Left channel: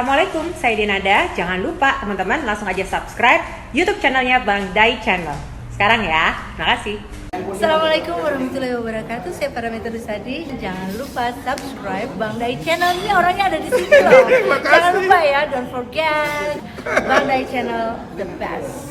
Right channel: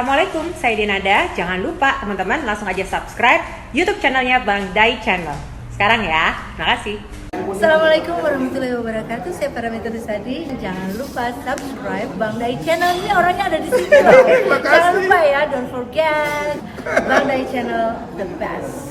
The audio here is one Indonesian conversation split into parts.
Assalamualaikum, saya Denada. Jangan lupa teman-teman langsung aja subscribe YouTube channelnya Bang Dai Channel. Sekarang ya, terima kasih. Assalamualaikum warahmatullahi wabarakatuh. Saya Parameter Rusadi. Jangan lupa subscribe Bang Dai Channel. Ini orangnya ada di sini loh. Jangan lupa ya, don't forget Bang Dai Channel, the best.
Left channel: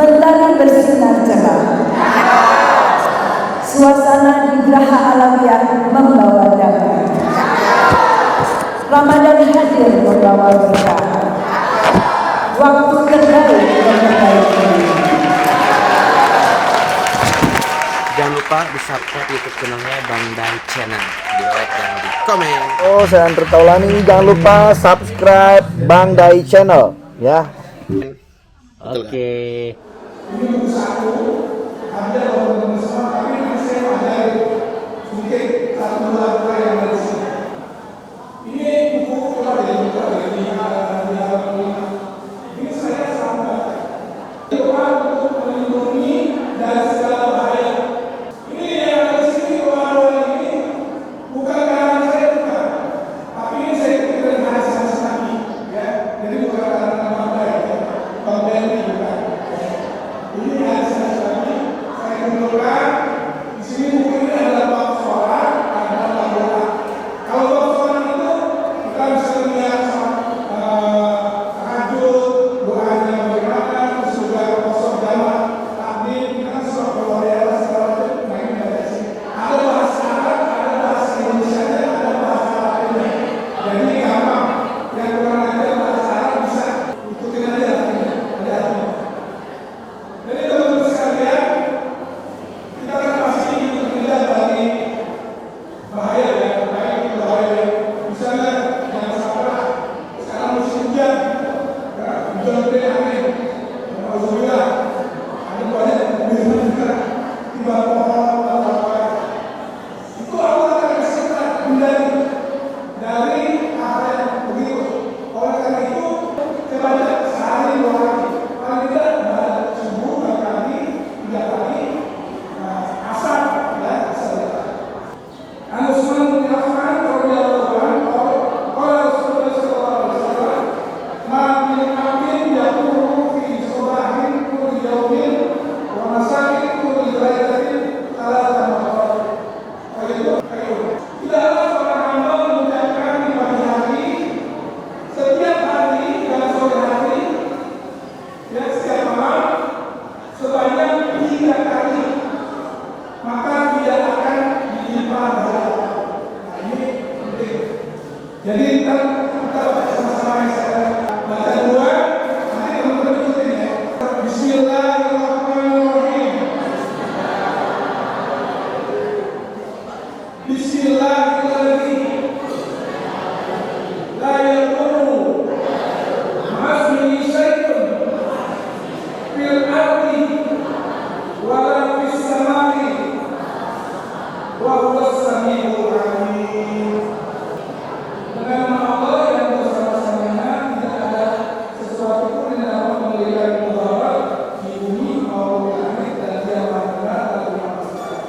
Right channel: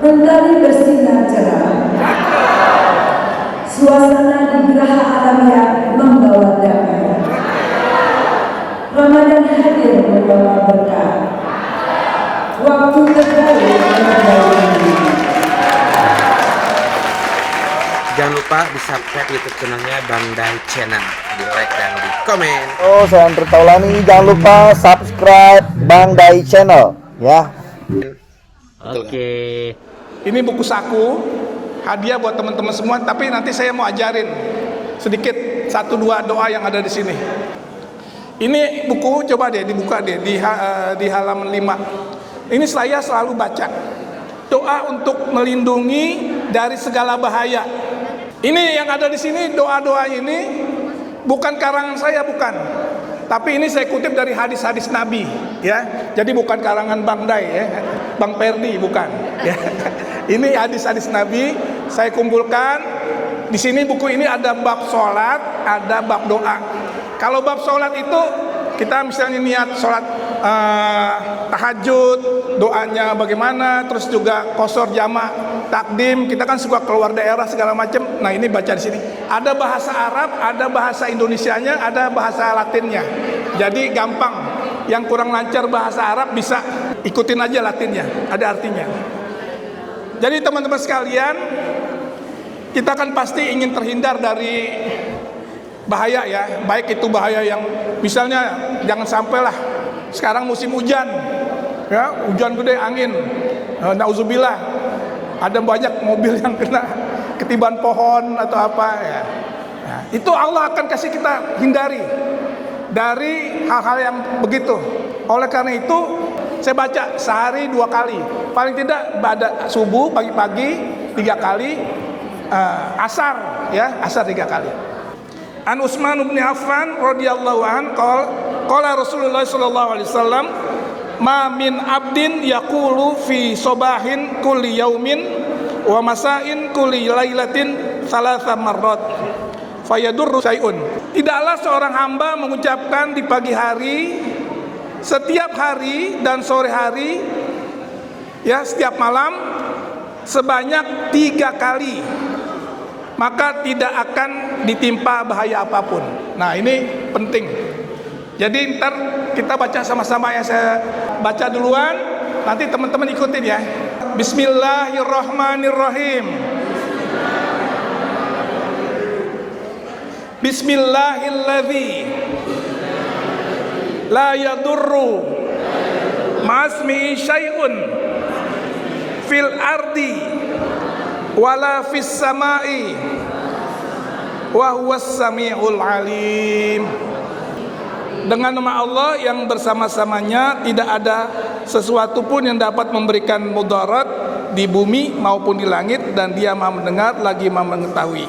Mentari bersinar cerah, suasana di Geraha Alamiah membawa damai. Ramadan hadir membawa berkah. Waktu terbaik membawa. Jangan lupa di subscribe YouTube channelnya Bang Dai Channel, di like dan di komen. Oh, saya Andre Taulani. Jangan lupa subscribe Bang Dai Channel, ya. Oke. Ini buku saku, hadiah buat teman-teman semua. Tapi nanti saya mau ajarin sedikit 1-2 doa yang ada di sini. Ini buku, coba deh dibuka deh di halaman 5. Ini saya selalu baca. Doa untuk melindungi dari segala bahaya. Ini yang ada di sini, doa-doa ini bukan karangan saya, bukan. Tapi ini saya kutip dari hadis-hadis Nabi, ya. Jadi bukan karangan Bang Dai, ya. Bang Perdi, bukan. Ya. Ini hadis-hadis Nabi saya kumpulkan. Di sini buku ini ada bab sholat, ada bab doa. Kalau bab sholat itu kita misalnya niat sholat tahajud, doanya bagaimana, terus juga qashar jamaah, takdim, kita kan suka keluar daerah segala macam. Nah, ini baca di sini. Ada bahasa Arab, ada bahasa Indonesianya, ada bahasa Latinnya. Jadi gampang. Yang kurang lancar bahasa Arab bisa ikutin aja Latinnya, ada artinya. Jadi teman-teman sekalian, kita kan pasti ingin terhindar dari bahaya ya, baik itu bahaya yang misalnya jangan sampailah sekarang musim hujan, ya hujan gede angin, nauzubillah, ada banyak mobil yang kena ketiban pohon atau apa ya. Nah, itu Allah akan kasih kita hindari dari hal-hal yang begitu. Oleh karena itu saya baca sehari 2 kali, paling tidak pada subuh pagi-pagi 3 kali, asar ya, asar 3 kali. An Utsman bin Affan radhiyallahu an qala Rasulullah sallallahu alaihi wasallam ma min abdin yaqulu fi sobahin kulli yaumin wa masain kulli lailatin thalatha marrat fayadurru syai'un. Tidaklah seorang hamba mengucapkan di pagi hari, setiap hari dan sore hari, ya setiap malam sebanyak 3 kali, maka tidak akan ditimpa bahaya apapun. Nah, ini penting. Jadi ntar kita baca sama-sama ya, saya baca duluan, nanti teman-teman ikutin ya. Bismillahirrahmanirrahim. Bismillahilladzi la yadurru ma'asmihi syai'un fil ardi wala fis samai wa huwas samiul alim. Dengan nama Allah yang bersama-samanya tidak ada sesuatu pun yang dapat memberikan mudarat di bumi maupun di langit, dan Dia Maha mendengar lagi Maha mengetahui.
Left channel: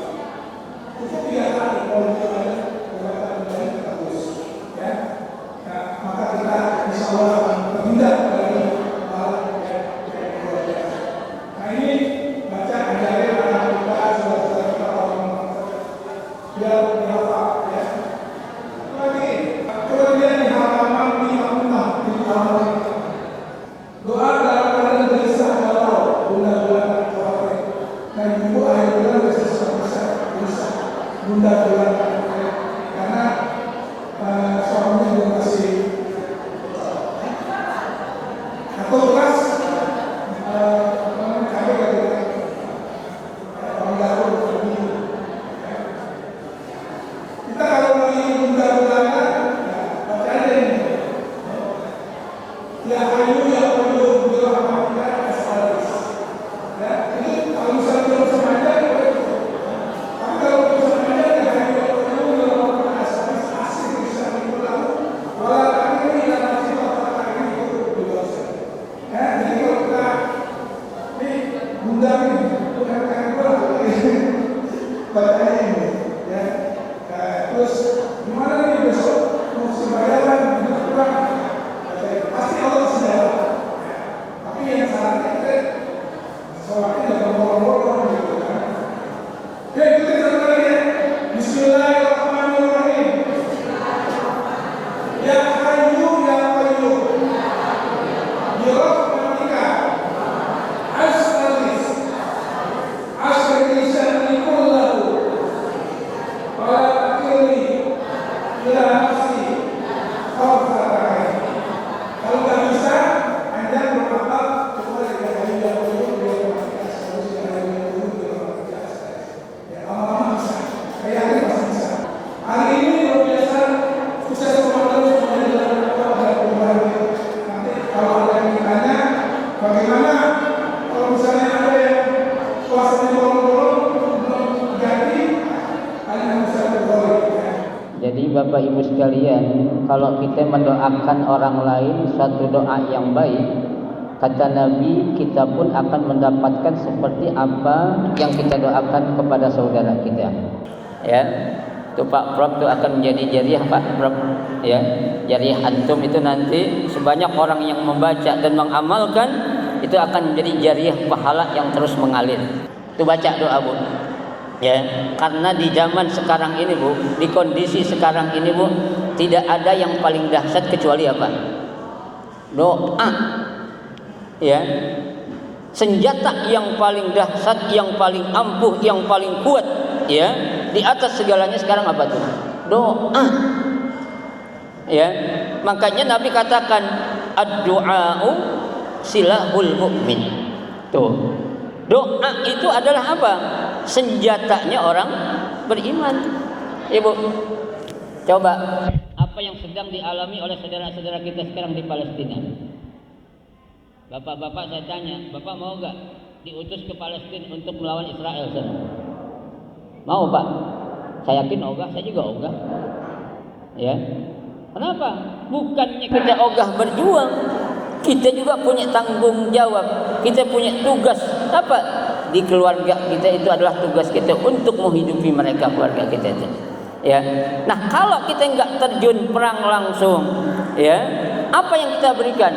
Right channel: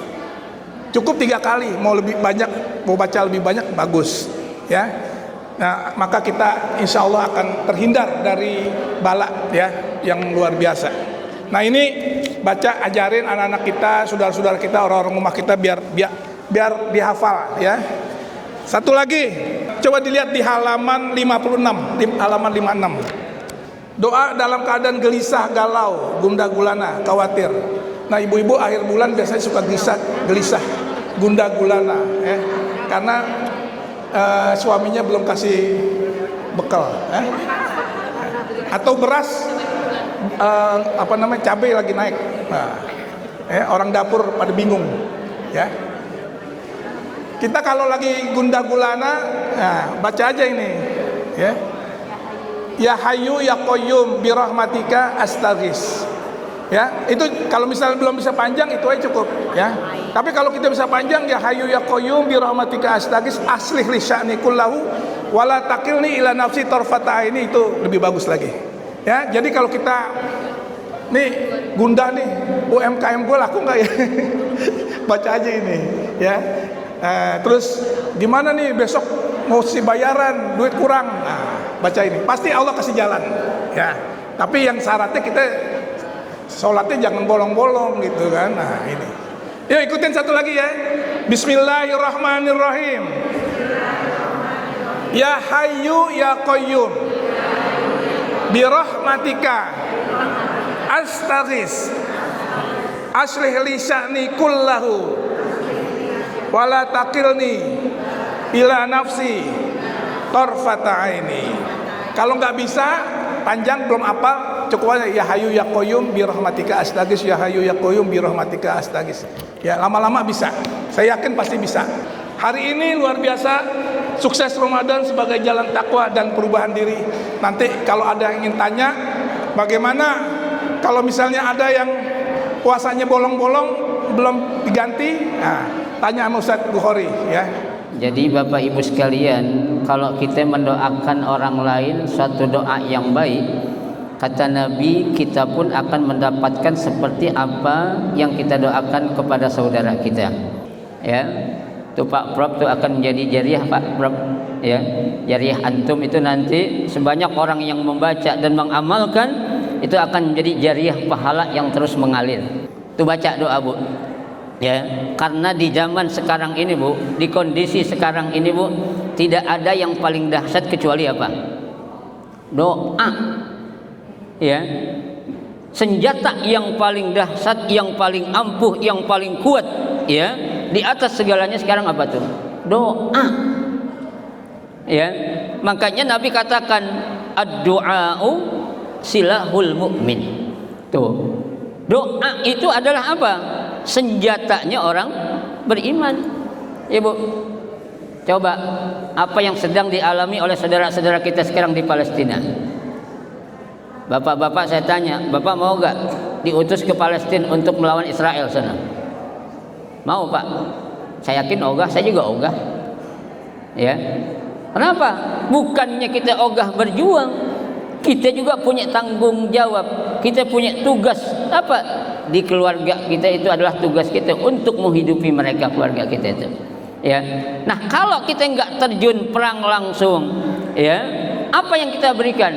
Cukup 3 kali, mau lebih banyak, mau baca lebih banyak bagus, ya. Nah, maka kita insya Allah akan terhindar dari bala, ya, yang luar biasa. Nah, ini baca, ajarin anak-anak kita, saudara-saudara kita, orang-orang rumah kita biar dihafal, ya. Satu lagi, coba dilihat di halaman 56, halaman 56. Doa dalam keadaan gelisah, galau, gundah gulana, khawatir. Nah, ibu-ibu akhir bulan biasanya suka gelisah, gundah gulana, ya. Karena suaminya belum kasih bekal, ya. Atau beras, cabai lagi naik. Nah, ya, orang dapur pada bingung, ya. Kita kalau lagi gundah gulana, nah, baca aja ini, ya. Ya Hayyu ya Qayyum bi rahmatika astaghis. Ya, itu kalau misalnya belum bisa panjang itu aja cukup, ya. Tapi kalau kita bisa panjang, ya Hayyu ya Qayyum bi rahmatika astaghis aslih li sya'ni kullahu wa la taqilni ila nafsi tarfata aini, itu lebih bagus lagi. Ya, jadi kalau kita nih gundah nih, UMKM gue laku nggak ya? Baca aja ini, ya. Terus gimana nih besok mau si bayaran, duit kurang, nah, baca ini, pasti Allah kasih jalan, ya. Tapi yang syaratnya kita sholatnya jangan bolong-bolong gitu kan. Nah, ini. Yuk ikutin satu lagi, ya. Bismillahirrahmanirrahim. Ya Hayyu ya Qayyum bi rahmatika astaghis aslih li sya'ni kullahu wala taqilni ila nafsi tarfata aini. Kalau nggak bisa panjang belum apa, cukup aja ya Hayyu ya Qayyum bi rahmatika astaghis, ya Hayyu ya Qayyum bi rahmatika astaghis. Ya, lama-lama bisa. Saya yakin pasti bisa. Hari ini luar biasa, sukses Ramadan sebagai jalan takwa dan perubahan diri. Nanti kalau ada yang ingin tanya bagaimana kalau misalnya ada yang puasanya bolong-bolong belum diganti, nah, tanya Ustaz Bukhari, ya. Jadi Bapak Ibu sekalian, kalau kita mendoakan orang lain suatu doa yang baik, kata Nabi, kita pun akan mendapatkan seperti apa yang kita doakan kepada saudara kita. Ya, tuh Pak Prof itu akan menjadi jariah Pak Prof. Ya, jariah antum itu nanti sebanyak orang yang membaca dan mengamalkan itu akan menjadi jariah pahala yang terus mengalir. Tuh baca doa, Bu. Ya, karena di zaman sekarang ini, Bu, di kondisi sekarang ini, Bu, tidak ada yang paling dahsyat kecuali apa? Doa. Ya. Senjata yang paling dahsyat, yang paling ampuh, yang paling kuat, ya. Di atas segalanya sekarang apa tuh? Doa. Ya. Makanya Nabi katakan ad-du'a'u silahul mu'min. Tuh. Doa itu adalah apa? Senjatanya orang beriman. Ibu, coba apa yang sedang dialami oleh saudara-saudara kita sekarang di Palestina. Bapak-bapak saya tanya, Bapak mau gak diutus ke Palestina untuk melawan Israel sana? Mau, Pak? Saya yakin ogah, saya juga ogah. Ya. Kenapa? Bukannya kita ogah berjuang, kita juga punya tanggung jawab, kita punya tugas apa? Di keluarga kita itu adalah tugas kita untuk menghidupi mereka, keluarga kita itu. Ya. Nah, kalau kita nggak terjun perang langsung, ya, apa yang kita berikan?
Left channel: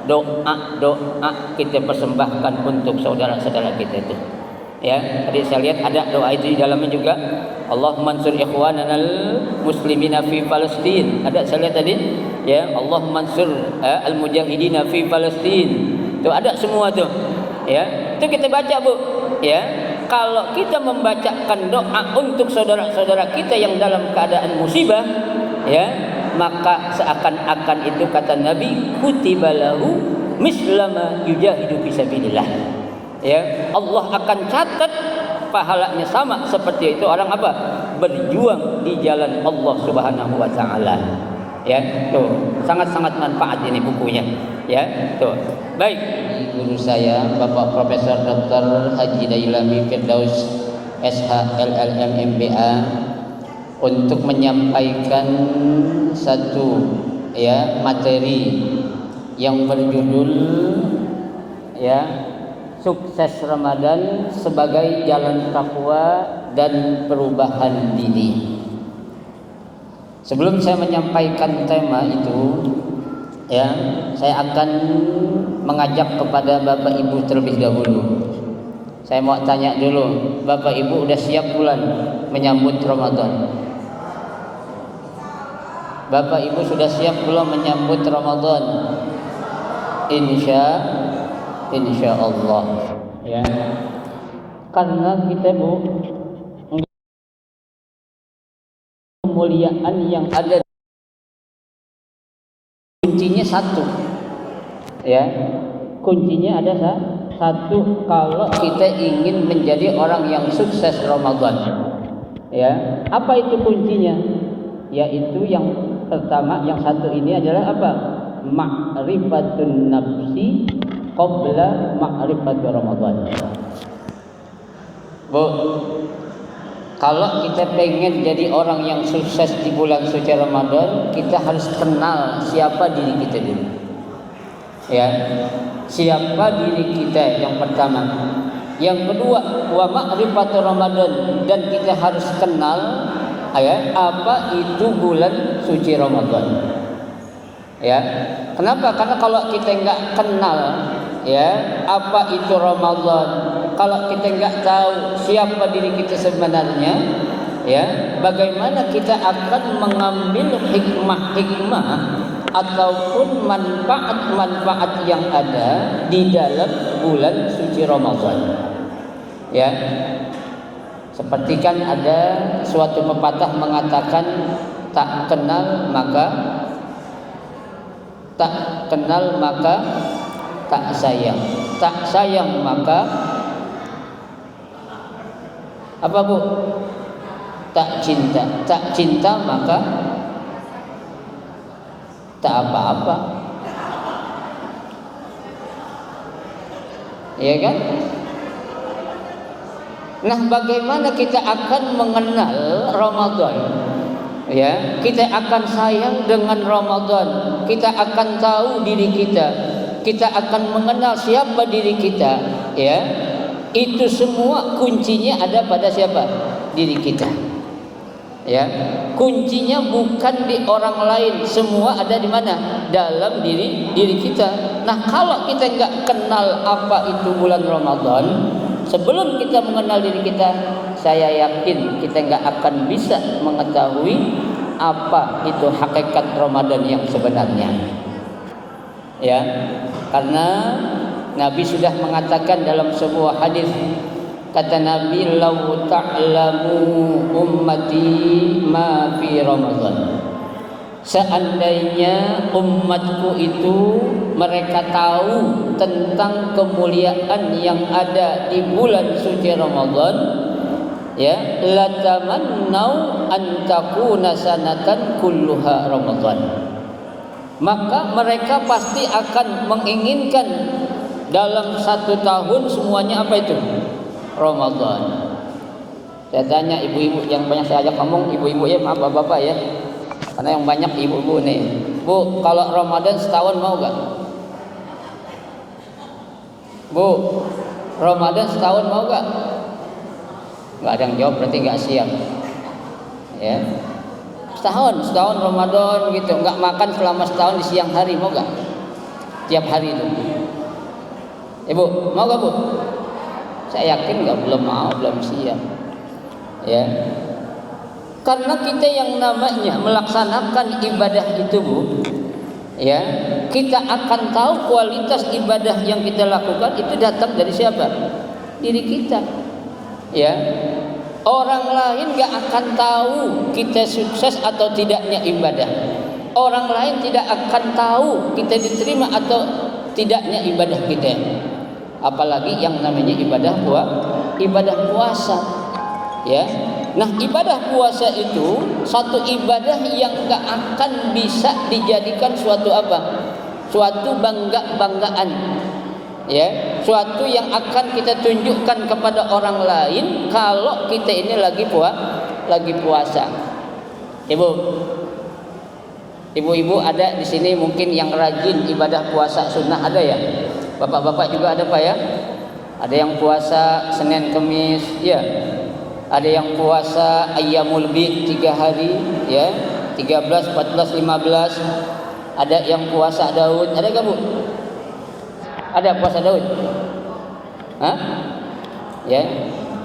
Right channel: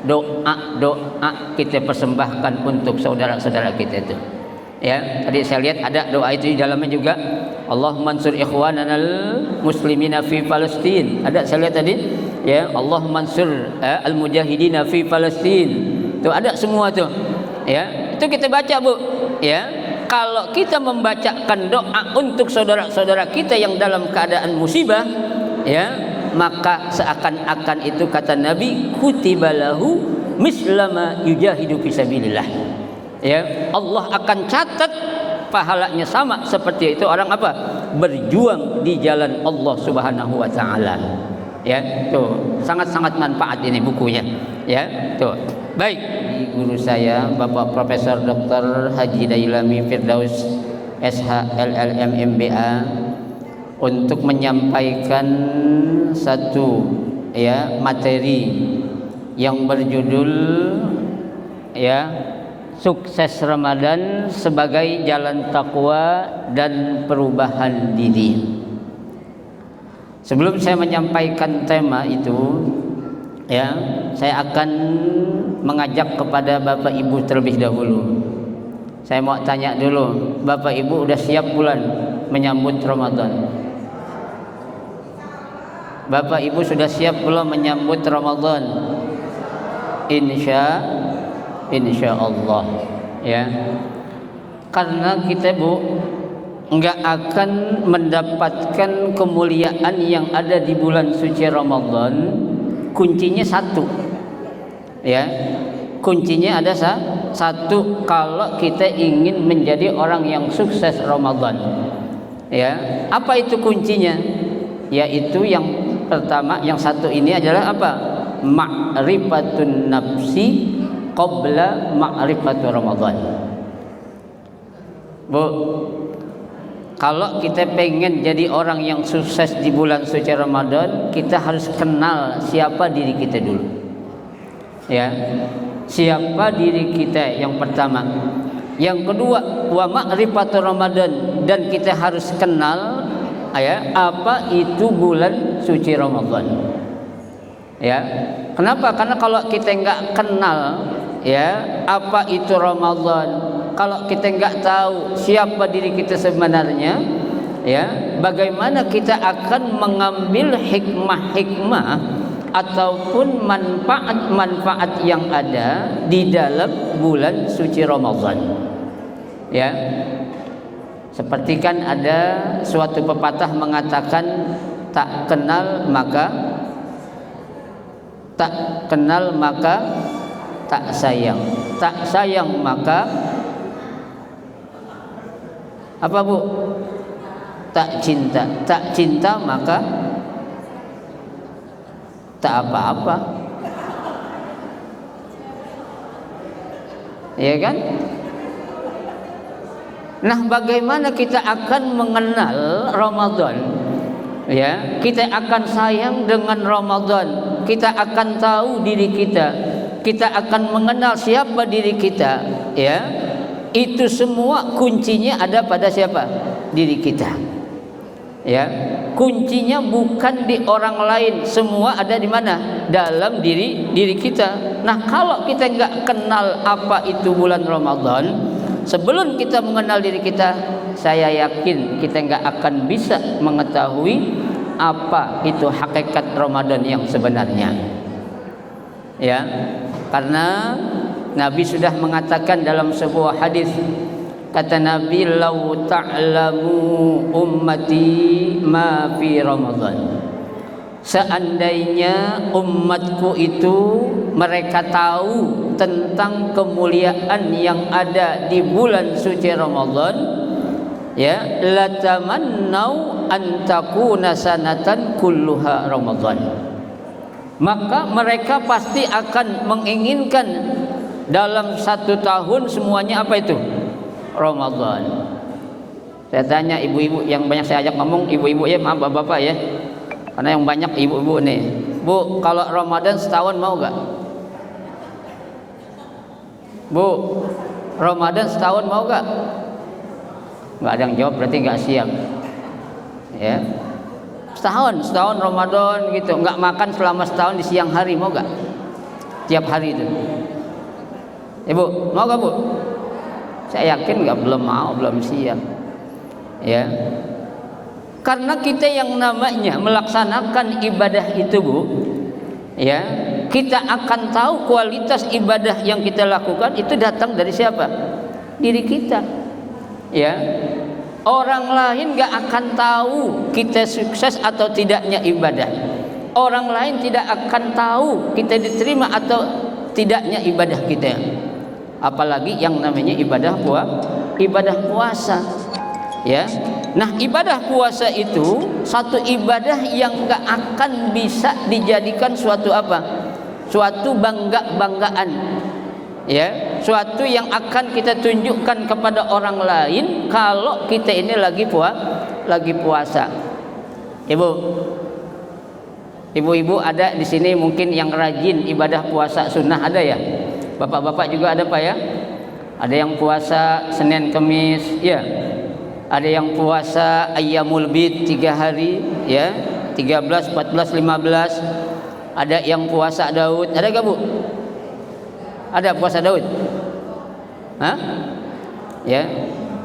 Doa kita persembahkan untuk saudara-saudara kita itu. Ya, tadi saya lihat ada doa itu di dalamnya juga. Allahumma ansur ikhwananal muslimina fi Palestin. Ada saya lihat tadi, ya, Allahumma ansur al-mujahidina fi Palestin. Itu ada semua tuh. Ya, itu kita baca, Bu. Ya, kalau kita membacakan doa untuk saudara-saudara kita yang dalam keadaan musibah, ya, maka seakan-akan itu kata Nabi, kutibalahu mislama yujahidu fisabilillah. Ya, Allah akan catat pahalanya sama seperti itu orang apa? Berjuang di jalan Allah Subhanahu wa taala. Ya, tuh sangat-sangat manfaat ini bukunya. Ya, tuh. Baik, guru saya Bapak Profesor Dr. Haji Dailami Firdaus SH LLM MBA untuk menyampaikan satu ya materi yang berjudul ya sukses Ramadan sebagai jalan takwa dan perubahan diri. Sebelum saya menyampaikan tema itu, ya, saya akan mengajak kepada Bapak Ibu terlebih dahulu. Saya mau tanya dulu, Bapak Ibu udah siap bulan menyambut Ramadan? Bapak Ibu sudah siap belum menyambut Ramadan? Insya Allah, ya. Karena kita enggak akan mendapatkan kemuliaan yang ada di bulan suci Ramadan. Kuncinya satu, ya. Kuncinya ada satu. Kalau kita ingin menjadi orang yang sukses Ramadan, ya. Apa itu kuncinya? Yaitu yang pertama, yang satu ini adalah apa? Ma'rifatun nafsi qabla ma'rifatu Ramadan. Bu, kalau kita pengen jadi orang yang sukses di bulan suci Ramadan, kita harus kenal siapa diri kita dulu. Ya. Siapa diri kita yang pertama. Yang kedua, wa ma'rifatu Ramadan, dan kita harus kenal ya apa itu bulan suci Ramadan. Ya. Kenapa? Karena kalau kita enggak kenal ya apa itu Ramadan, kalau kita enggak tahu siapa diri kita sebenarnya, ya, bagaimana kita akan mengambil hikmah-hikmah ataupun manfaat-manfaat yang ada di dalam bulan suci Ramadan. Ya. Seperti kan ada suatu pepatah mengatakan tak kenal maka tak sayang, tak sayang maka apa Bu? Tak cinta maka tak apa-apa. Ya kan? Nah, bagaimana kita akan mengenal Ramadan? Ya, kita akan sayang dengan Ramadan. Kita akan tahu diri kita. Kita akan mengenal siapa diri kita, ya. Itu semua kuncinya ada pada siapa? Diri kita. Ya. Kuncinya bukan di orang lain, semua ada di mana? Dalam diri kita. Nah, kalau kita enggak kenal apa itu bulan Ramadan, sebelum kita mengenal diri kita, saya yakin kita enggak akan bisa mengetahui apa itu hakikat Ramadan yang sebenarnya. Ya, karena Nabi sudah mengatakan dalam sebuah hadis, kata Nabi, "Lau ta'lamu ummati ma fi Ramadan." Seandainya umatku itu mereka tahu tentang kemuliaan yang ada di bulan suci Ramadan, ya, latamannau an takuna sanatan kulluha Ramadan. Maka mereka pasti akan menginginkan dalam satu tahun semuanya apa itu? Ramadan. Saya tanya ibu-ibu yang banyak saya ajak ngomong, ibu-ibu ya, maaf bapak-bapak ya, karena yang banyak ibu-ibu nih. Bu, kalau Ramadan setahun mau nggak? Bu, Ramadan setahun mau nggak? Nggak ada yang jawab, berarti nggak siap. Ya, setahun Ramadan gitu, nggak makan selama setahun di siang hari mau nggak? Tiap hari itu. Ibu, mau nggak Bu? Saya yakin nggak, belum mau, belum siap. Ya, karena kita yang namanya melaksanakan ibadah itu Bu, ya, kita akan tahu kualitas ibadah yang kita lakukan itu datang dari siapa? Diri kita. Ya, orang lain nggak akan tahu kita sukses atau tidaknya ibadah. Orang lain tidak akan tahu kita diterima atau tidaknya ibadah kita. apalagi yang namanya ibadah puasa. Ya. Nah, ibadah puasa itu satu ibadah yang gak akan bisa dijadikan suatu apa? Suatu banggaan. Ya, suatu yang akan kita tunjukkan kepada orang lain kalau kita ini lagi puasa. Ibu-ibu ada di sini mungkin yang rajin ibadah puasa sunnah, ada ya? Bapak-bapak juga ada Pak ya? Ada yang puasa Senin Kamis, ya. Ada yang puasa Ayyamul Bid 3 hari, ya. 13, 14, 15. Ada yang puasa Daud. Ada enggak, Bu? Ada puasa Daud? Hah? Ya.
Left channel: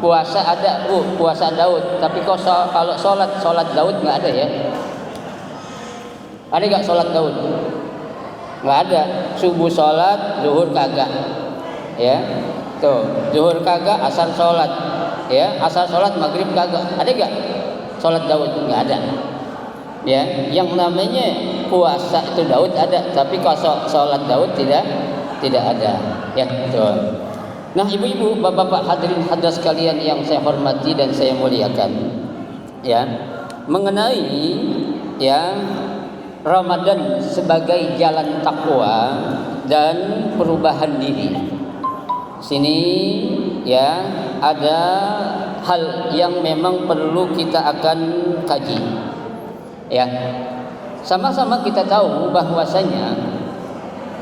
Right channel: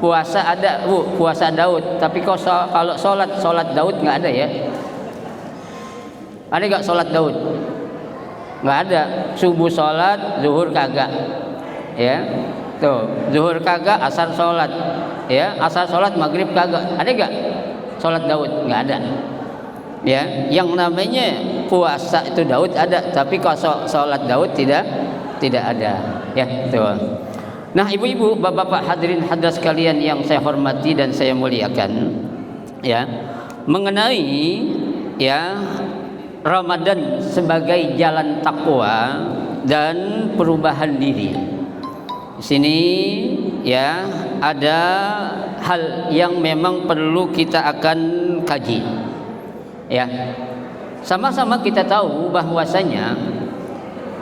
Puasa ada, Bu, puasa Daud. Tapi kalau sholat Daud enggak ada ya. Ada enggak sholat Daud? Enggak ada. Subuh sholat, zuhur kagak. Ya. Tuh, zuhur kagak, asar sholat. Ya, asar sholat, maghrib kagak. Ada enggak sholat Daud? Enggak ada. Ya, yang namanya puasa itu Daud ada, tapi kalau sholat Daud tidak ada. Ya, betul. Nah, ibu-ibu, bapak-bapak, hadirin hadirat sekalian yang saya hormati dan saya muliakan, ya, mengenai ya Ramadan sebagai jalan takwa dan perubahan diri. Di sini ya ada hal yang memang perlu kita akan kaji. Ya. Sama-sama kita tahu bahwasanya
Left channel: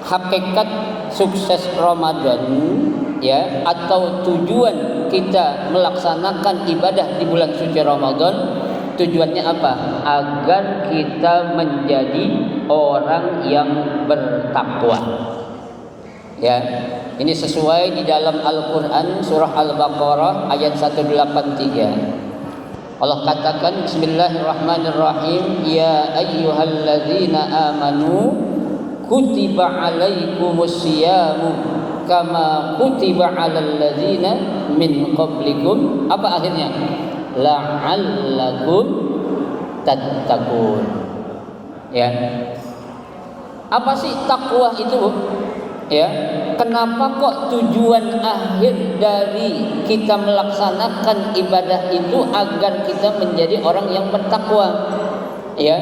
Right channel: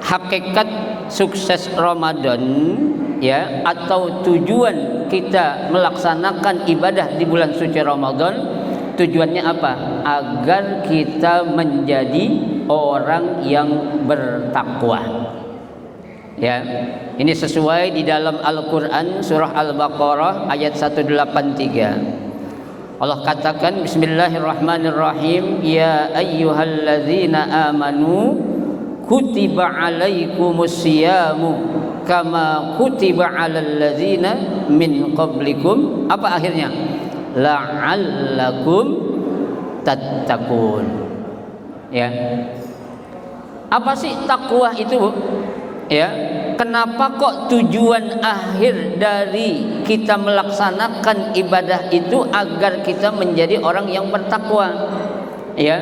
hakikat sukses Ramadan ya atau tujuan kita melaksanakan ibadah di bulan suci Ramadan, tujuannya apa? Agar kita menjadi orang yang bertakwa. Ya, ini sesuai di dalam Al-Quran surah Al-Baqarah ayat 183. Allah katakan Bismillahirrahmanirrahim, ya ayyuhalladzina amanu kutiba alaikumus siyamu kama kutiba alal ladzina min qablikum. Apa akhirnya? La'allakum tattaqun. Ya. Apa sih takwa itu, Bu? Ya, kenapa kok tujuan akhir dari kita melaksanakan ibadah itu agar kita menjadi orang yang bertakwa? Ya,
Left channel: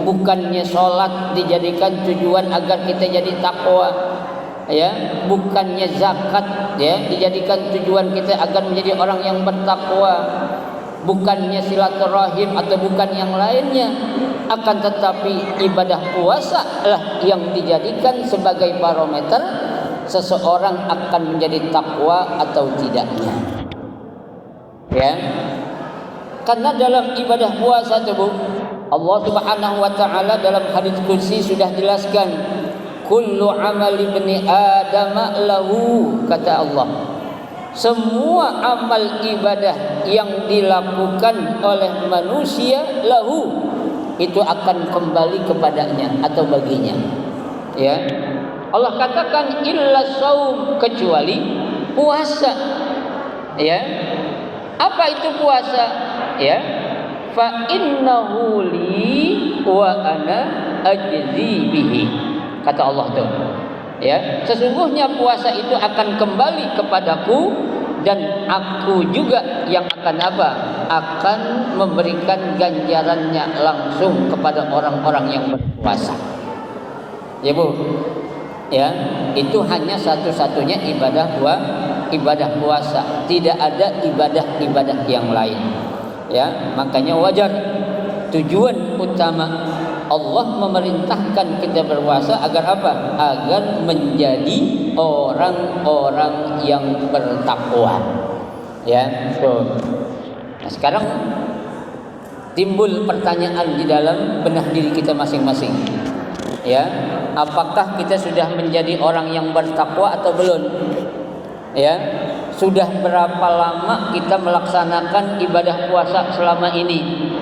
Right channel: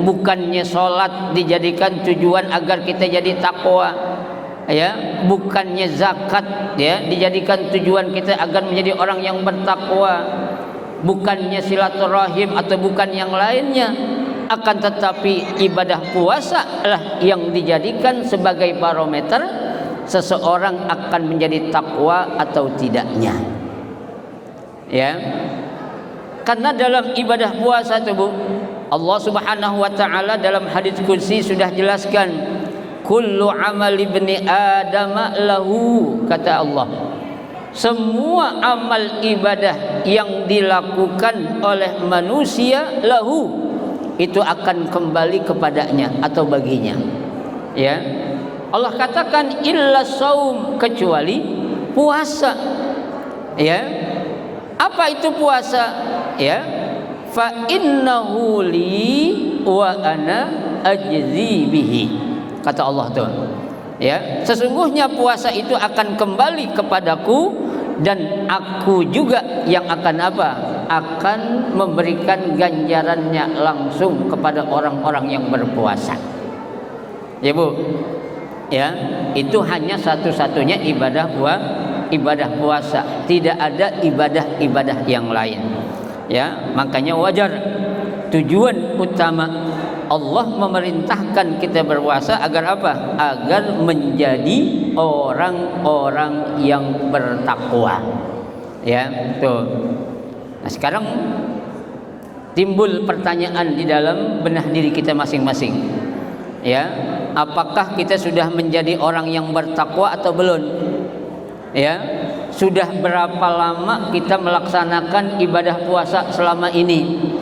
bukannya sholat dijadikan tujuan agar kita jadi takwa. Ya, bukannya zakat ya dijadikan tujuan kita agar menjadi orang yang bertakwa. Bukannya silaturahim atau bukan yang lainnya. Akan tetapi ibadah puasa lah yang dijadikan sebagai barometer seseorang akan menjadi takwa atau tidaknya. Ya. Karena dalam ibadah puasa itu, Bu, Allah Subhanahu wa taala dalam hadis kursi sudah jelaskan, kullu amal ibni adam lahu, kata Allah. Semua amal ibadah yang dilakukan oleh manusia lahu, itu akan kembali kepadanya atau baginya. Ya. Allah katakan illa shaum, kecuali puasa. Ya. Apa itu puasa? Ya. Fa innahu li wa ana ajzi bihi. Kata Allah tuh. Ya, sesungguhnya puasa itu akan kembali kepadaku dan aku juga yang akan apa? Akan memberikan ganjarannya langsung kepada orang-orang yang berpuasa. Ya, Bu. Ya, itu hanya satu-satunya ibadah puasa. Tidak ada ibadah-ibadah yang lain. Ya, makanya wajar tujuan utama Allah memerintahkan kita berpuasa agar apa? Agar menjadi orang-orang yang bertakwa. Ya, tuh. Nah, sekarang timbul pertanyaan di dalam benak diri kita masing-masing. Ya, apakah kita sudah menjadi orang yang bertakwa atau belum? Ya, sudah berapa lama kita melaksanakan ibadah puasa selama ini?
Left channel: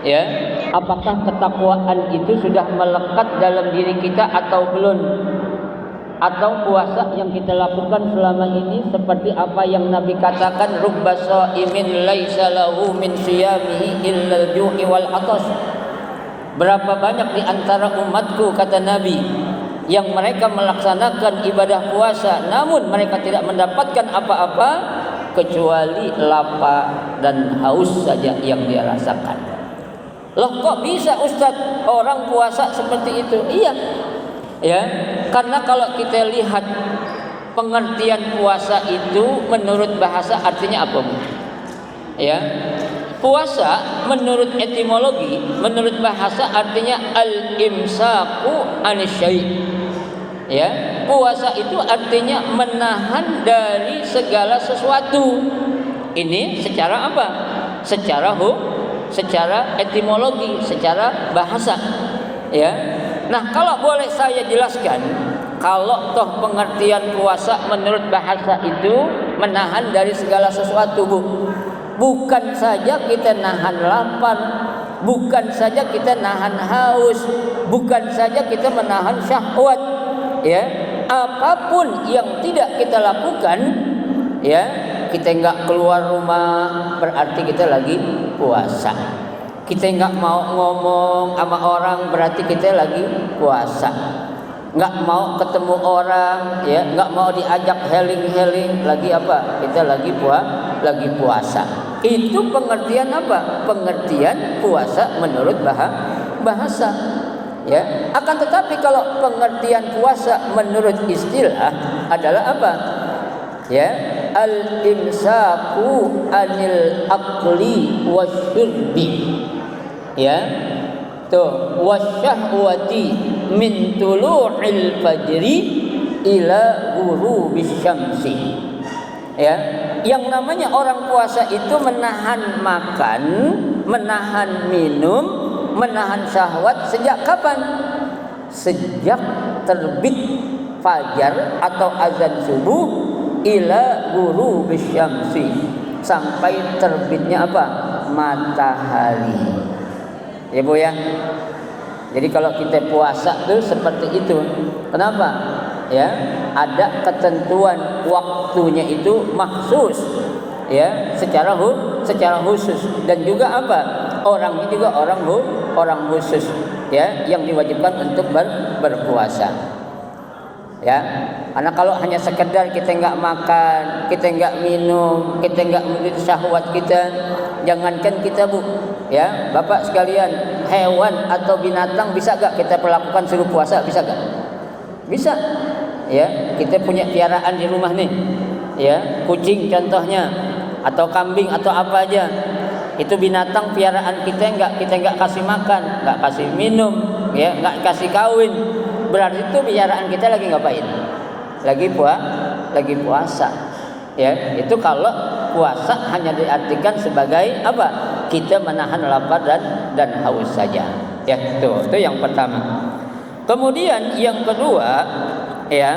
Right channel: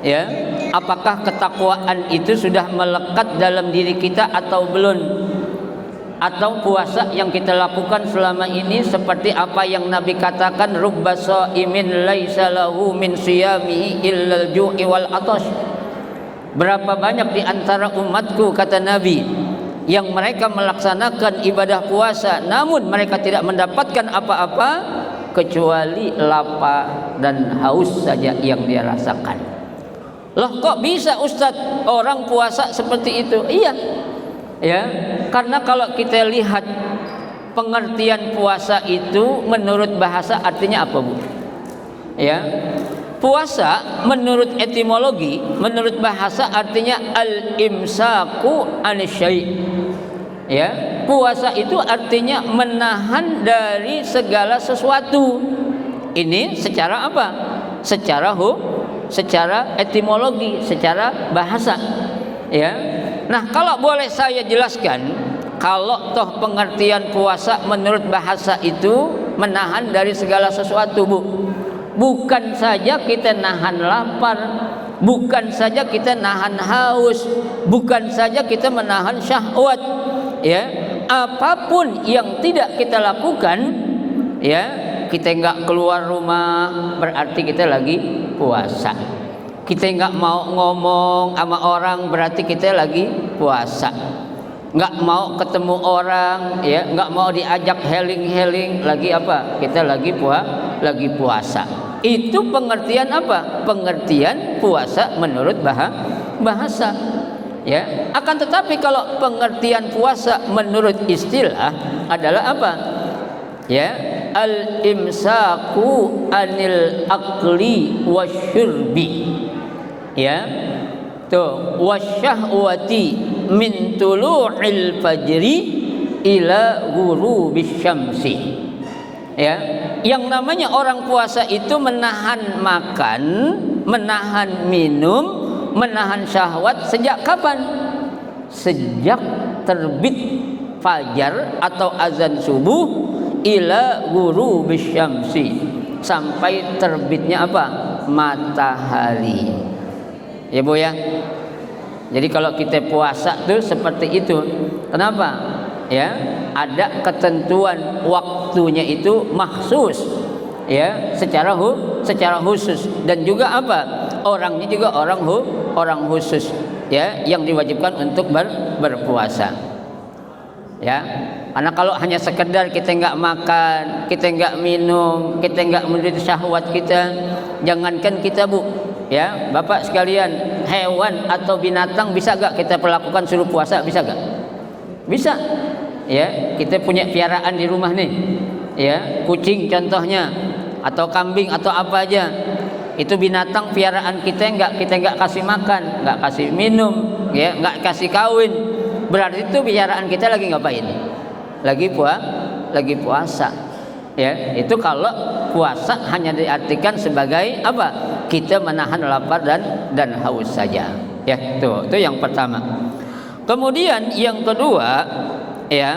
Ya, apakah ketakwaan itu sudah melekat dalam diri kita atau belum? Atau puasa yang kita lakukan selama ini seperti apa yang Nabi katakan, rubba shaimin laisa lahu min siyamihi illal ju'i wal atash. Berapa banyak di antara umatku, kata Nabi, yang mereka melaksanakan ibadah puasa namun mereka tidak mendapatkan apa-apa kecuali lapar dan haus saja yang dia rasakan. Loh kok bisa Ustadz orang puasa seperti itu? Iya, ya, karena kalau kita lihat pengertian puasa itu menurut bahasa artinya apa, Bu? Ya, puasa menurut etimologi, menurut bahasa artinya al-imsaku anisyai. Ya, puasa itu artinya menahan dari segala sesuatu. Ini secara apa? Secara etimologi, secara bahasa. Ya. Nah, kalau boleh saya jelaskan, kalau toh pengertian puasa menurut bahasa itu menahan dari segala sesuatu, Bu. Bukan saja kita nahan lapar, bukan saja kita nahan haus, bukan saja kita menahan syahwat, ya, apapun yang tidak kita lakukan, ya, kita nggak keluar rumah berarti kita lagi puasa. Kita nggak mau ngomong sama orang berarti kita lagi puasa. Nggak mau ketemu orang, ya, nggak mau diajak heling-heling lagi apa? Kita lagi puasa. Itu pengertian apa? Pengertian puasa menurut bahasa. Ya, akan tetapi kalau pengertian puasa menurut istilah adalah apa? Ya, al-imsaku anil akli wasyurbi. Ya, tuh, wasyahwati min tulu'il fajri ila ghurubis syamsi. Ya, yang namanya orang puasa itu menahan makan, menahan minum, menahan syahwat sejak kapan? Sejak terbit fajar atau azan subuh ila ghurubis syamsi, sampai terbitnya apa? Matahari. Ya, Bu, ya. Jadi kalau kita puasa tuh seperti itu. Kenapa? Ya, ada ketentuan waktunya itu maksus, ya, secara khusus, dan juga apa? Orangnya juga orang khusus, ya, yang diwajibkan untuk berpuasa. Ya, karena kalau hanya sekedar kita nggak makan, kita nggak minum, kita nggak menuruti syahwat kita, jangankan kita, Bu, ya, Bapak sekalian, hewan atau binatang bisa nggak kita perlakukan suruh puasa? Bisa nggak? Bisa. Ya, kita punya piaraan di rumah nih, ya, kucing contohnya, atau kambing atau apa aja, itu binatang piaraan kita nggak kasih makan, nggak kasih minum, ya, nggak kasih kawin, berarti itu piaraan kita lagi ngapain? Lagi puasa. Ya, itu kalau puasa hanya diartikan sebagai apa? Kita menahan lapar dan haus saja. Ya, itu yang pertama. Kemudian yang kedua, ya,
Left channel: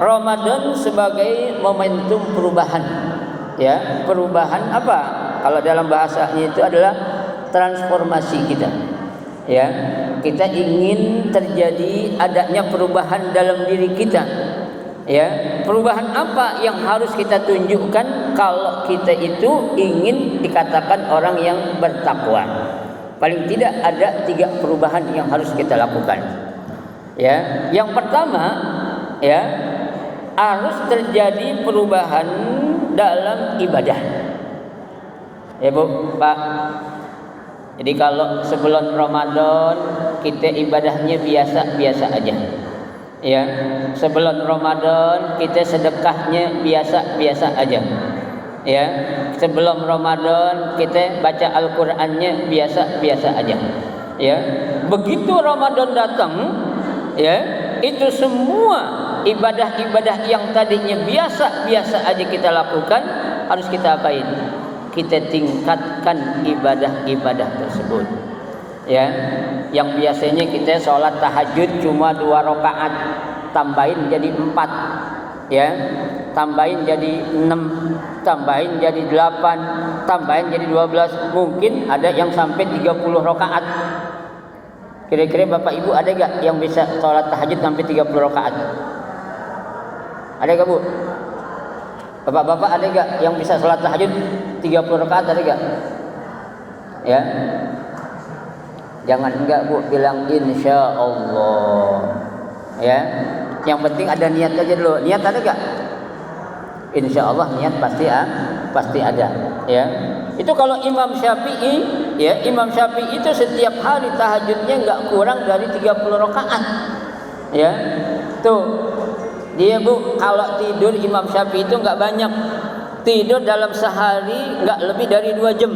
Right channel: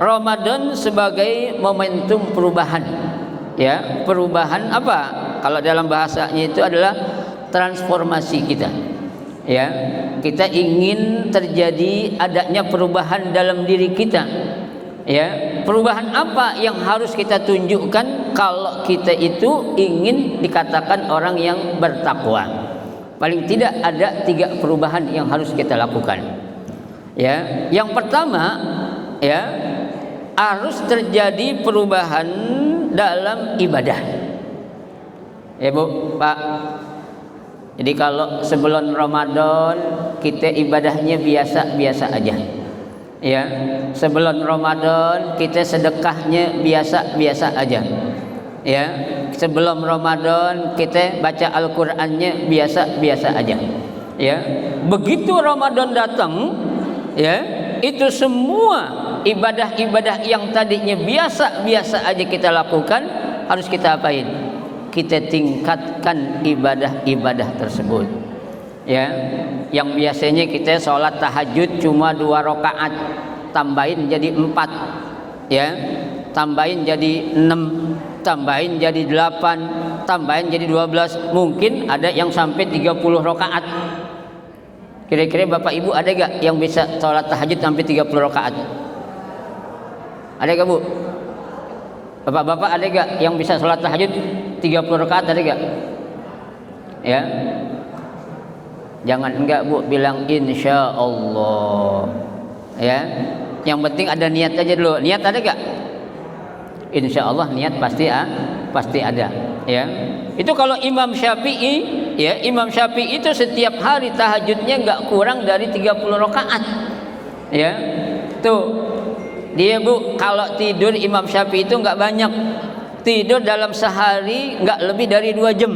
Ramadan sebagai momentum perubahan. Ya, perubahan apa? Kalau dalam bahasanya itu adalah transformasi kita. Ya, kita ingin terjadi adanya perubahan dalam diri kita. Ya, perubahan apa yang harus kita tunjukkan kalau kita itu ingin dikatakan orang yang bertakwa? Paling tidak ada 3 perubahan yang harus kita lakukan. Ya, yang pertama, ya, harus terjadi perubahan dalam ibadah. Ya, Bu, Pak. Jadi kalau sebelum Ramadan kita ibadahnya biasa-biasa aja. Ya, sebelum Ramadan kita sedekahnya biasa-biasa aja. Ya, sebelum Ramadan kita baca Al-Qur'annya biasa-biasa aja. Ya, begitu Ramadan datang, ya, itu semua ibadah-ibadah yang tadinya biasa-biasa aja kita lakukan harus kita apain? Kita tingkatkan ibadah-ibadah tersebut. Ya, yang biasanya kita sholat tahajud cuma 2 rakaat, tambahin jadi 4, ya, tambahin jadi 6, tambahin jadi 8, tambahin jadi 12, mungkin ada yang sampai 30 rakaat. Kira-kira Bapak Ibu ada gak yang bisa sholat tahajud sampai 30 rakaat? Ada gak, Bu? Bapak-bapak ada gak yang bisa sholat tahajud 30 rakaat? Ada gak? Ya, jangan enggak, Bu, bilang insya Allah. Ya, yang penting ada niat aja dulu. Niat ada gak? Insya Allah niat pasti ada. Ya, itu kalau Imam Syafi'i, ya Imam Syafi'i itu setiap hari tahajudnya nggak kurang dari 30 rakaat. Ya, tuh dia bu, kalau tidur Imam Syafi'i itu nggak banyak, tidur dalam sehari nggak lebih dari 2 jam.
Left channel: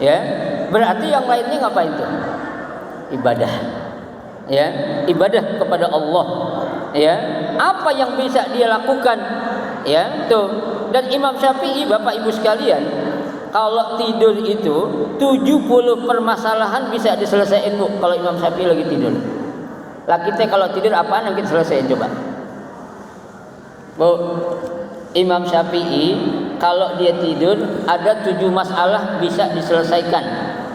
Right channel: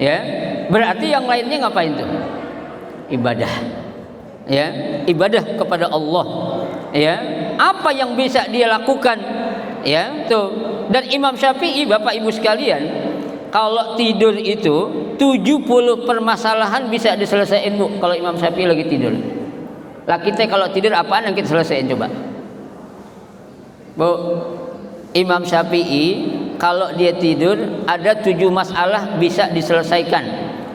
Ya, berarti yang lainnya ngapain tuh? Ibadah. Ya, ibadah kepada Allah. Ya, apa yang bisa dia lakukan? Ya, tuh. Dan Imam Syafi'i, Bapak Ibu sekalian, kalau tidur itu 70 permasalahan bisa diselesaikan bu. Kalau Imam Syafi'i lagi tidur. Lah kita kalau tidur apaan yang kita selesaikan coba? Bu, Imam Syafi'i kalau dia tidur ada 7 masalah bisa diselesaikan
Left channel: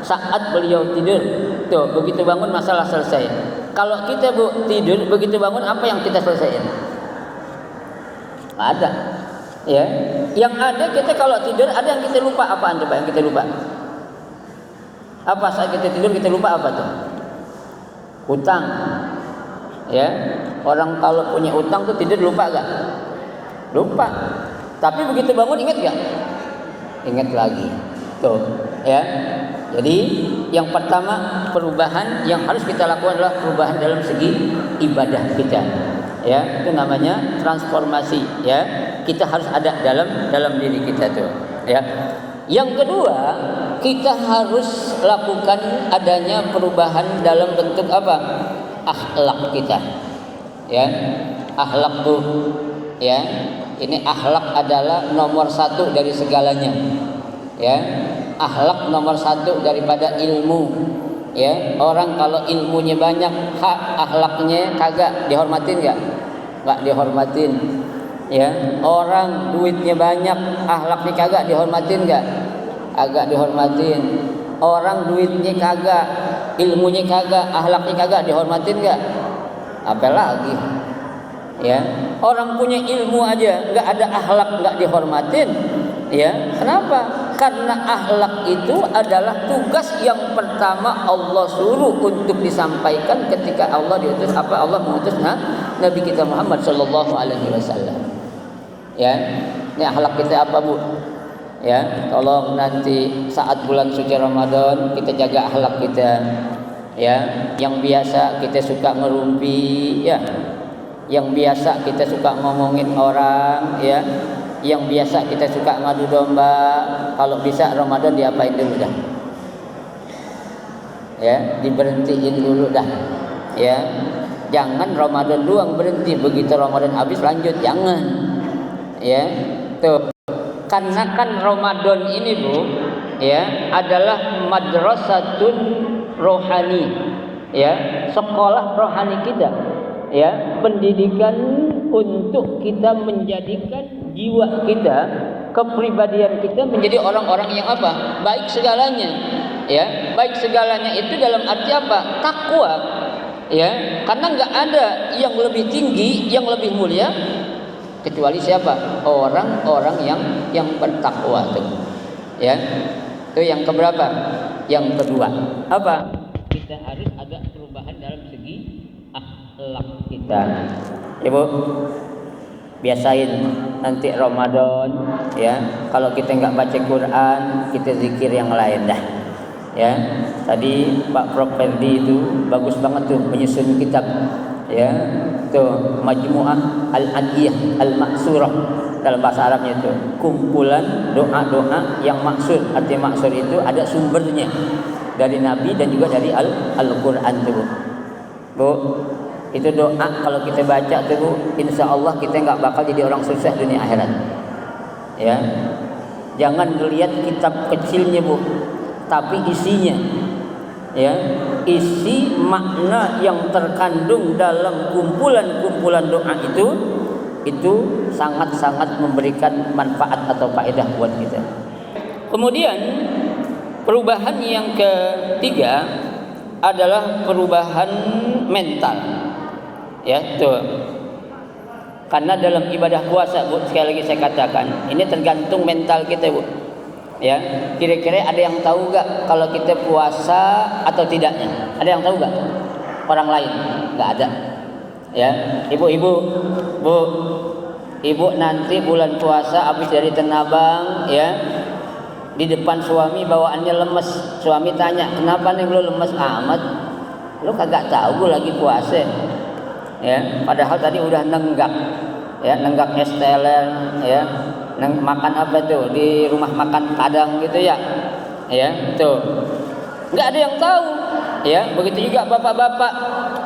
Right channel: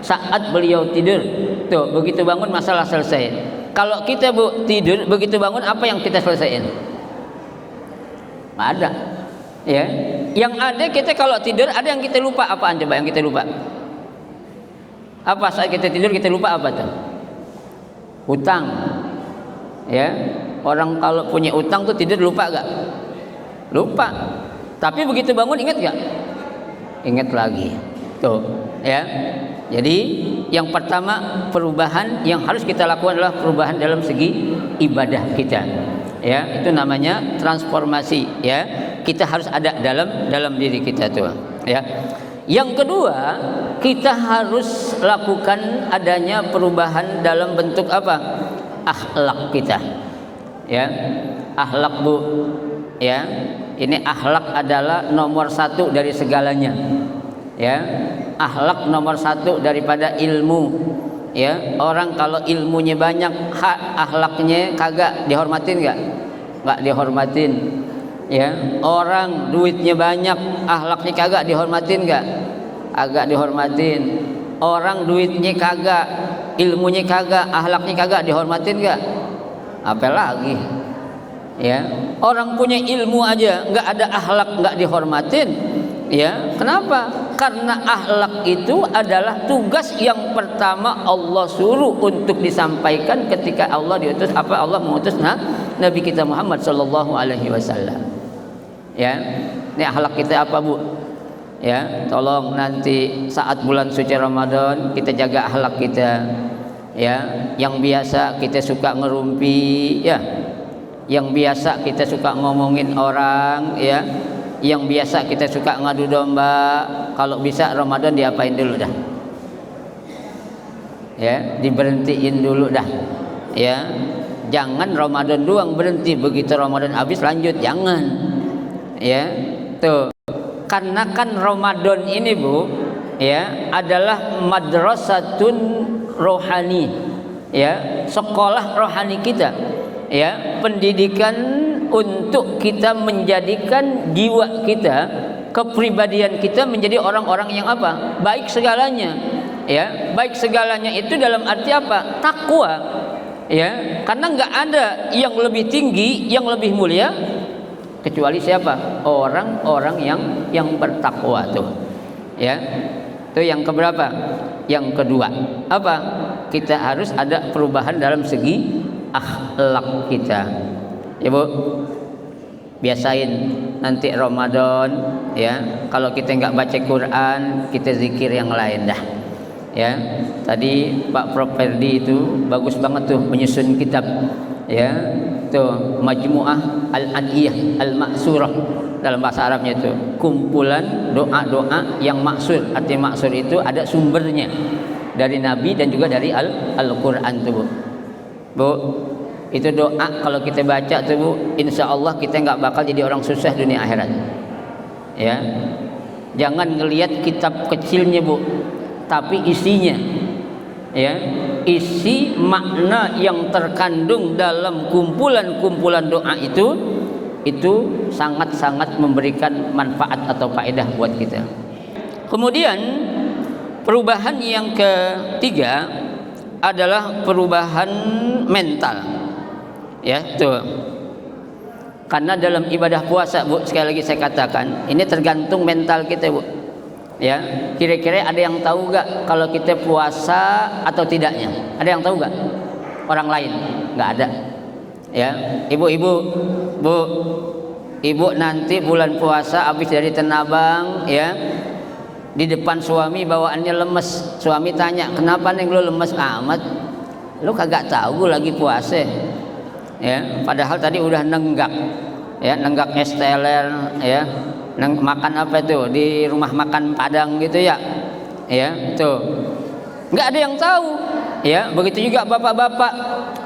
saat beliau tidur. Tuh, begitu bangun masalah selesai. Kalau kita bu tidur begitu bangun apa yang kita selesaikan? Nggak ada. Ya, yang ada kita kalau tidur ada yang kita lupa. Apaan coba yang kita lupa? Apa saat kita tidur kita lupa apa tuh? Hutang. Ya, orang kalau punya utang tuh tidur lupa gak? Lupa. Tapi begitu bangun ingat gak? Ingat lagi. Tuh, ya. Jadi yang pertama perubahan yang harus kita lakukan adalah perubahan dalam segi ibadah kita. Ya, itu namanya transformasi. Ya, kita harus ada dalam diri kita tuh. Ya. Yang kedua, kita harus lakukan adanya perubahan dalam bentuk apa? Akhlak kita. Ya, akhlak bu. Ya, ini akhlak adalah nomor 1 dari segalanya. Ya, akhlak nomor 1 daripada ilmu. Ya, orang kalau ilmunya banyak, akhlaknya kagak dihormatin nggak? Nggak dihormatin. Ya, orang duitnya banyak, akhlaknya kagak dihormatin nggak? Agak dihormatin. Orang duitnya kagak, ilmunya kagak, akhlaknya kagak dihormatin nggak? Apalagi? Ya, orang punya ilmu aja nggak ada akhlak nggak dihormatin. Ya, kenapa? Karena akhlak itu adalah tugas yang pertama Allah suruh untuk disampaikan ketika Allah mengutus Nabi kita Muhammad sallallahu alaihi wasallam. Ya, ini akhlak kita apa bu? Ya, tolong nanti saat bulan suci Ramadan kita jaga akhlak kita. Ya, yang biasa kita suka ngerumpi, ya, yang biasa kita suka ngomongin orang, ya, yang biasa kita suka ngadu domba, kalau bisa Ramadan diapain dulu dah? Ya, diberhentiin dulu dah. Ya, jangan Ramadan doang berhenti, begitu Ramadan habis lanjut, jangan. Ya, tuh. Karena kan Ramadan ini bu, ya, adalah madrasatun rohani, ya, sekolah rohani kita. Ya, pendidikan untuk kita menjadikan jiwa kita, kepribadian kita menjadi orang-orang yang apa? Baik segalanya. Ya, baik segalanya itu dalam arti apa? Takwa. Ya, karena nggak ada yang lebih tinggi, yang lebih mulia kecuali siapa? Orang-orang yang bertakwa tuh. Ya. Itu yang keberapa? Yang kedua. Apa? Kita harus ada perubahan dalam segi akhlak kita. Ya bu, biasain nanti Ramadan, ya, kalau kita nggak baca Quran, kita zikir yang lain dah. Ya, tadi Pak Prof Ferdi itu bagus banget tuh menyusun kitab. Ya, tuh Majmu'ah Al-Adiyah Al-Ma'surah, dalam bahasa Arabnya itu kumpulan doa-doa yang maksud. Arti maksud itu ada sumbernya dari Nabi dan juga dari Al-Quran tuh. Bu, itu doa kalau kita baca tuh bu, insya Allah kita nggak bakal jadi orang susah dunia akhirat. Ya, jangan ngelihat kitab kecilnya bu, tapi isinya. Ya, isi makna yang terkandung dalam kumpulan-kumpulan doa itu sangat-sangat memberikan manfaat atau faedah buat kita. Kemudian perubahan yang ketiga adalah perubahan mental. Ya, tuh. Karena dalam ibadah puasa bu, sekali lagi saya katakan, ini tergantung mental kita bu. Ya, kira-kira ada yang tahu gak kalau kita puasa atau tidaknya? Ada yang tahu gak? Orang lain? Nggak ada. Ya, ibu-ibu, Bu, ibu nanti bulan puasa habis dari Tanah Abang, ya, di depan suami bawaannya lemes. Suami tanya, kenapa nih lu lemes amat? Lu kagak tahu gue lagi puasa. Ya, padahal tadi udah nenggak, ya, nenggak es teler, ya, makan apa tuh di rumah makan Padang gitu ya, ya, tuh, nggak ada yang tahu. Ya, begitu juga bapak-bapak,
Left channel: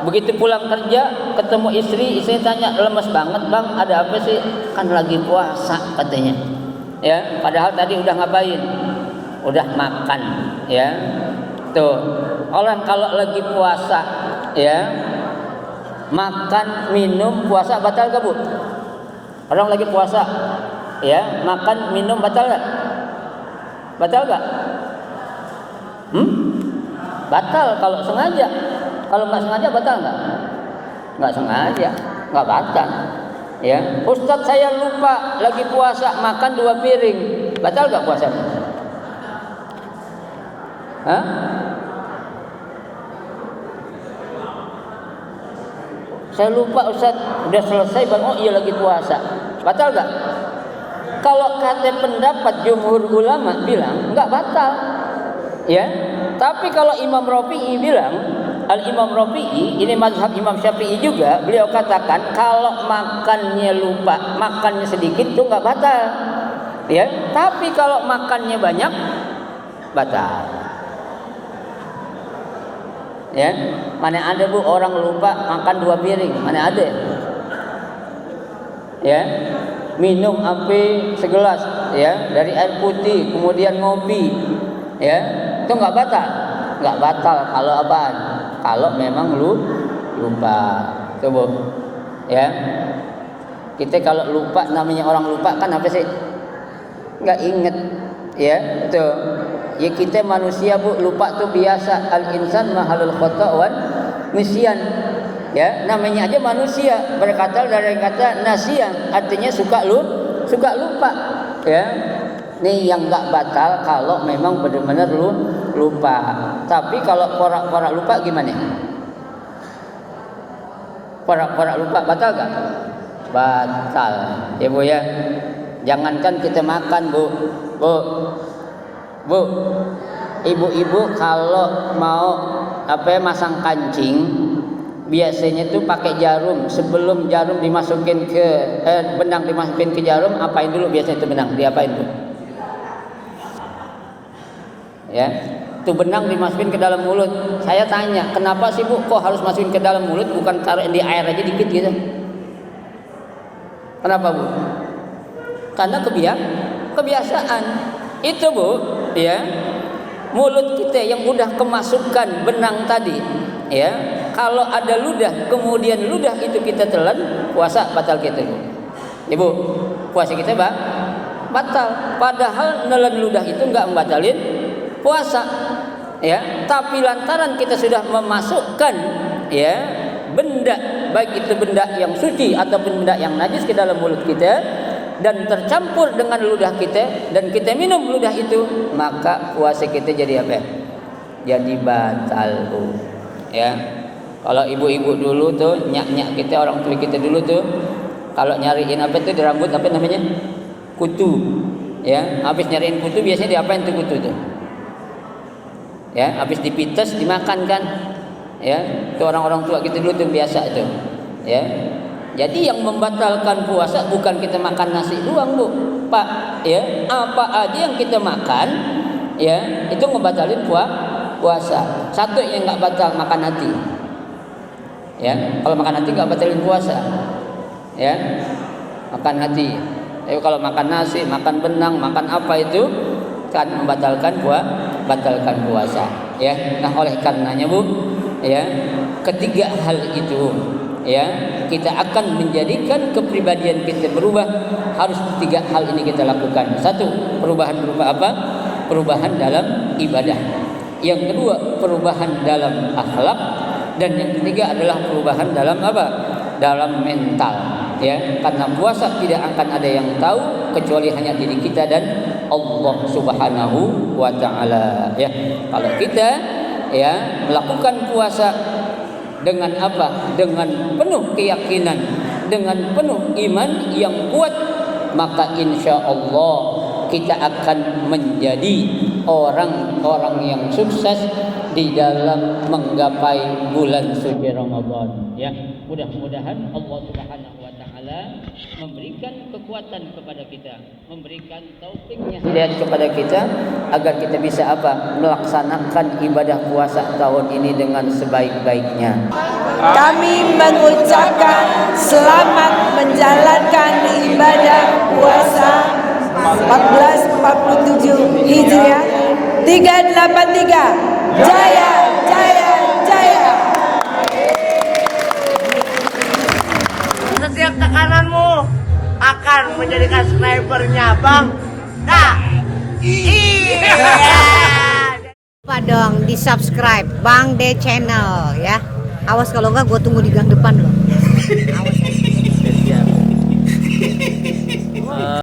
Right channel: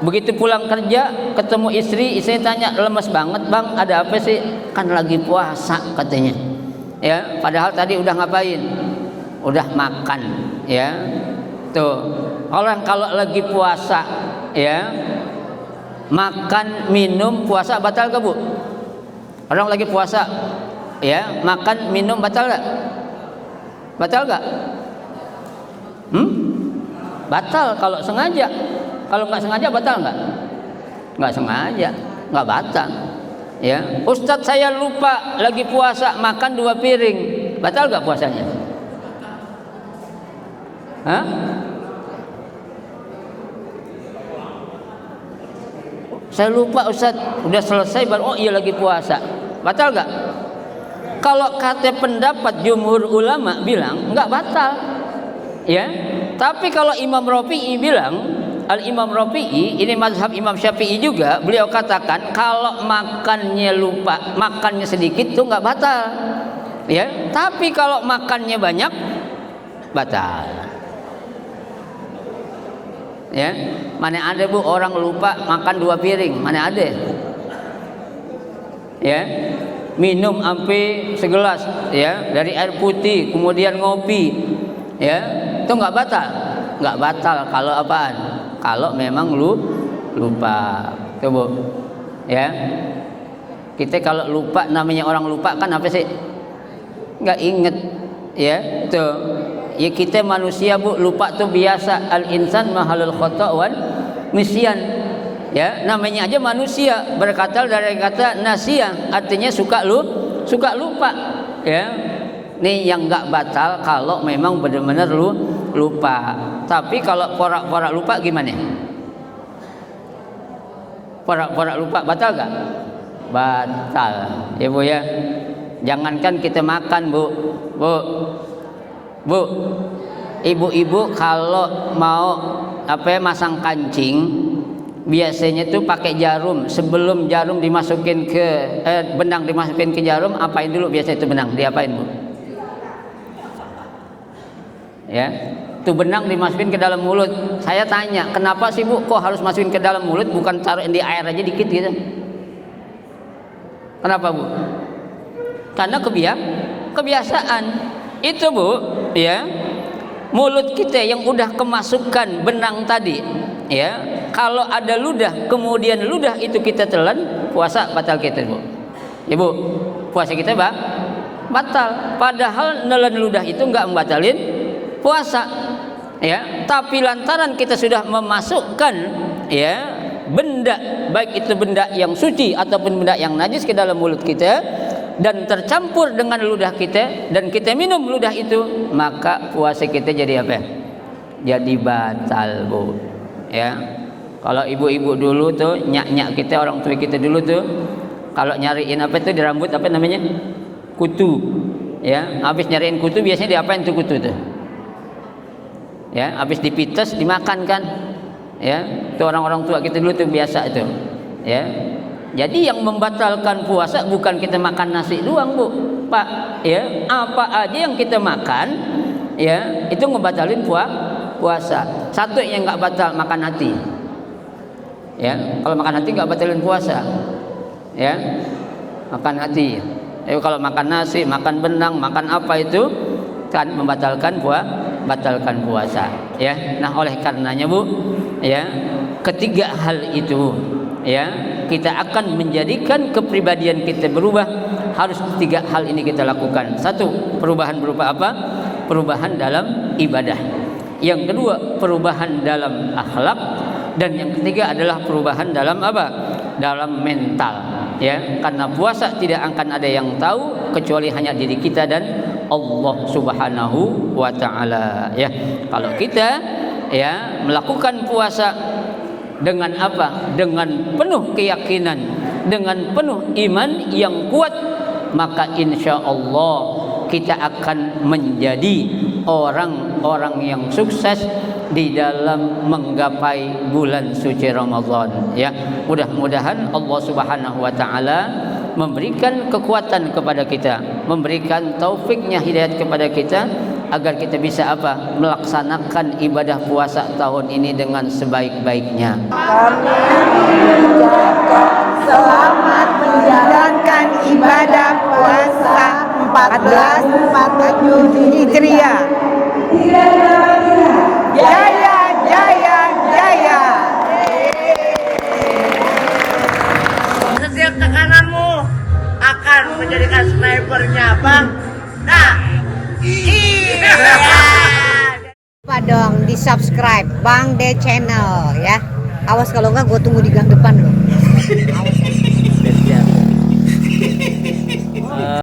begitu pulang kerja ketemu istri tanya, lemes banget bang, ada apa sih? Kan lagi puasa katanya. Ya, padahal tadi udah ngapain? Udah makan. Ya, tuh, orang kalau lagi puasa, ya, makan minum puasa batal gak Bu? Orang lagi puasa, ya, makan minum batal gak? Batal gak? Batal kalau sengaja. Kalau nggak sengaja batal nggak? Nggak sengaja, nggak batal. Ya, Ustadz saya lupa lagi puasa makan 2 piring, batal nggak puasanya? Hah? Saya lupa Ustadz, udah selesai baru, oh iya lagi puasa, batal nggak? Kalau kata pendapat jumhur ulama bilang nggak batal, ya. Tapi kalau Imam Rafi'i bilang, Al-Imam Rafi'i, ini mazhab Imam Syafi'i juga, beliau katakan kalau makannya lupa, makannya sedikit itu nggak batal, ya. Tapi kalau makannya banyak, batal. Ya, mana ada Bu orang lupa makan 2 piring, mana ada? Ya, minum sampai segelas, ya, dari air putih, kemudian ngopi, ya, itu nggak batal kalau apaan? Kalau memang lu lupa, coba, ya, kita kalau lupa, namanya orang lupa kan apa sih? Nggak inget, ya, tuh, ya kita manusia Bu, lupa tuh biasa, al insan mahalul khata' wan nisyan, ya, namanya aja manusia, berkata dari kata nasiyan, artinya suka lupa, ya. Ini yang nggak batal kalau memang benar-benar lu lupa. Tapi kalau porak-porak lupa gimana? Porak-porak lupa batal nggak? Batal, ya Bu ya. Jangankan kita makan Bu, ibu-ibu kalau mau masang kancing, biasanya tuh pakai jarum. Sebelum jarum dimasukin ke benang dimasukin ke jarum, apain dulu biasanya itu benang? Diapain Bu? Ya, tuh benang dimasukin ke dalam mulut. Saya tanya, kenapa sih Bu kok harus masukin ke dalam mulut, bukan taruh di air aja dikit gitu? Kenapa Bu? Karena kebiasaan. Itu Bu, ya, mulut kita yang udah kemasukan benang tadi, ya, kalau ada ludah, kemudian ludah itu kita telan, puasa batal kita Bu. Ibu, puasa kita batal. Padahal nelan ludah itu nggak membatalin puasa, ya. Tapi lantaran kita sudah memasukkan, ya, benda, baik itu benda yang suci ataupun benda yang najis ke dalam mulut kita dan tercampur dengan ludah kita dan kita minum ludah itu, maka puasa kita jadi apa? Jadi batal Bu, ya. Kalau ibu-ibu dulu tuh, nyak-nyak kita, orang tua kita dulu tuh, kalau nyariin apa itu di rambut, apa namanya? Kutu, ya. Habis nyariin kutu biasanya diapain tuh kutu tuh? Ya, habis dipites dimakan kan, ya. Itu orang-orang tua kita dulu tuh biasa itu, ya. Jadi yang membatalkan puasa bukan kita makan nasi doang Bu, Pak, ya. Apa aja yang kita makan, ya, itu membatalin puasa. Satu yang nggak batal, makan hati, ya. Kalau makan hati nggak batalin puasa, ya. Makan hati, ya. Kalau makan nasi, makan benang, makan apa itu kan membatalkan puasa, ya. Nah, oleh karenanya Bu, ya, ketiga hal itu, ya, kita akan menjadikan kepribadian kita berubah. Harus 3 hal ini kita lakukan. 1, perubahan berupa apa? Perubahan dalam ibadah. Yang kedua, perubahan dalam akhlak. Dan yang ketiga adalah perubahan dalam apa? Dalam mental, ya. Karena puasa tidak akan ada yang tahu kecuali hanya diri kita dan Allah Subhanahu wa taala, ya. Kalau kita, ya, melakukan puasa, Dengan apa? Dengan penuh keyakinan, dengan penuh iman yang kuat, maka insya Allah kita akan menjadi orang-orang yang sukses di dalam menggapai bulan suci Ramadan. Ya, mudah-mudahan Allah Subhanahu wa taala memberikan kekuatan kepada kita, memberikan taufiknya, hidayat kepada kita, agar kita bisa apa? Melaksanakan ibadah puasa tahun ini dengan sebaik-baiknya. Kami mengucapkan selamat menjalankan ibadah puasa 1447 Hijriah 383. Jaya, jaya, jaya. Setiap tekananmu akan menjadikan snipernya Bang. Nah, iya. Lupa dong di subscribe Bang Day Channel ya. Awas kalau enggak gue tunggu di gang depan loh. Awas.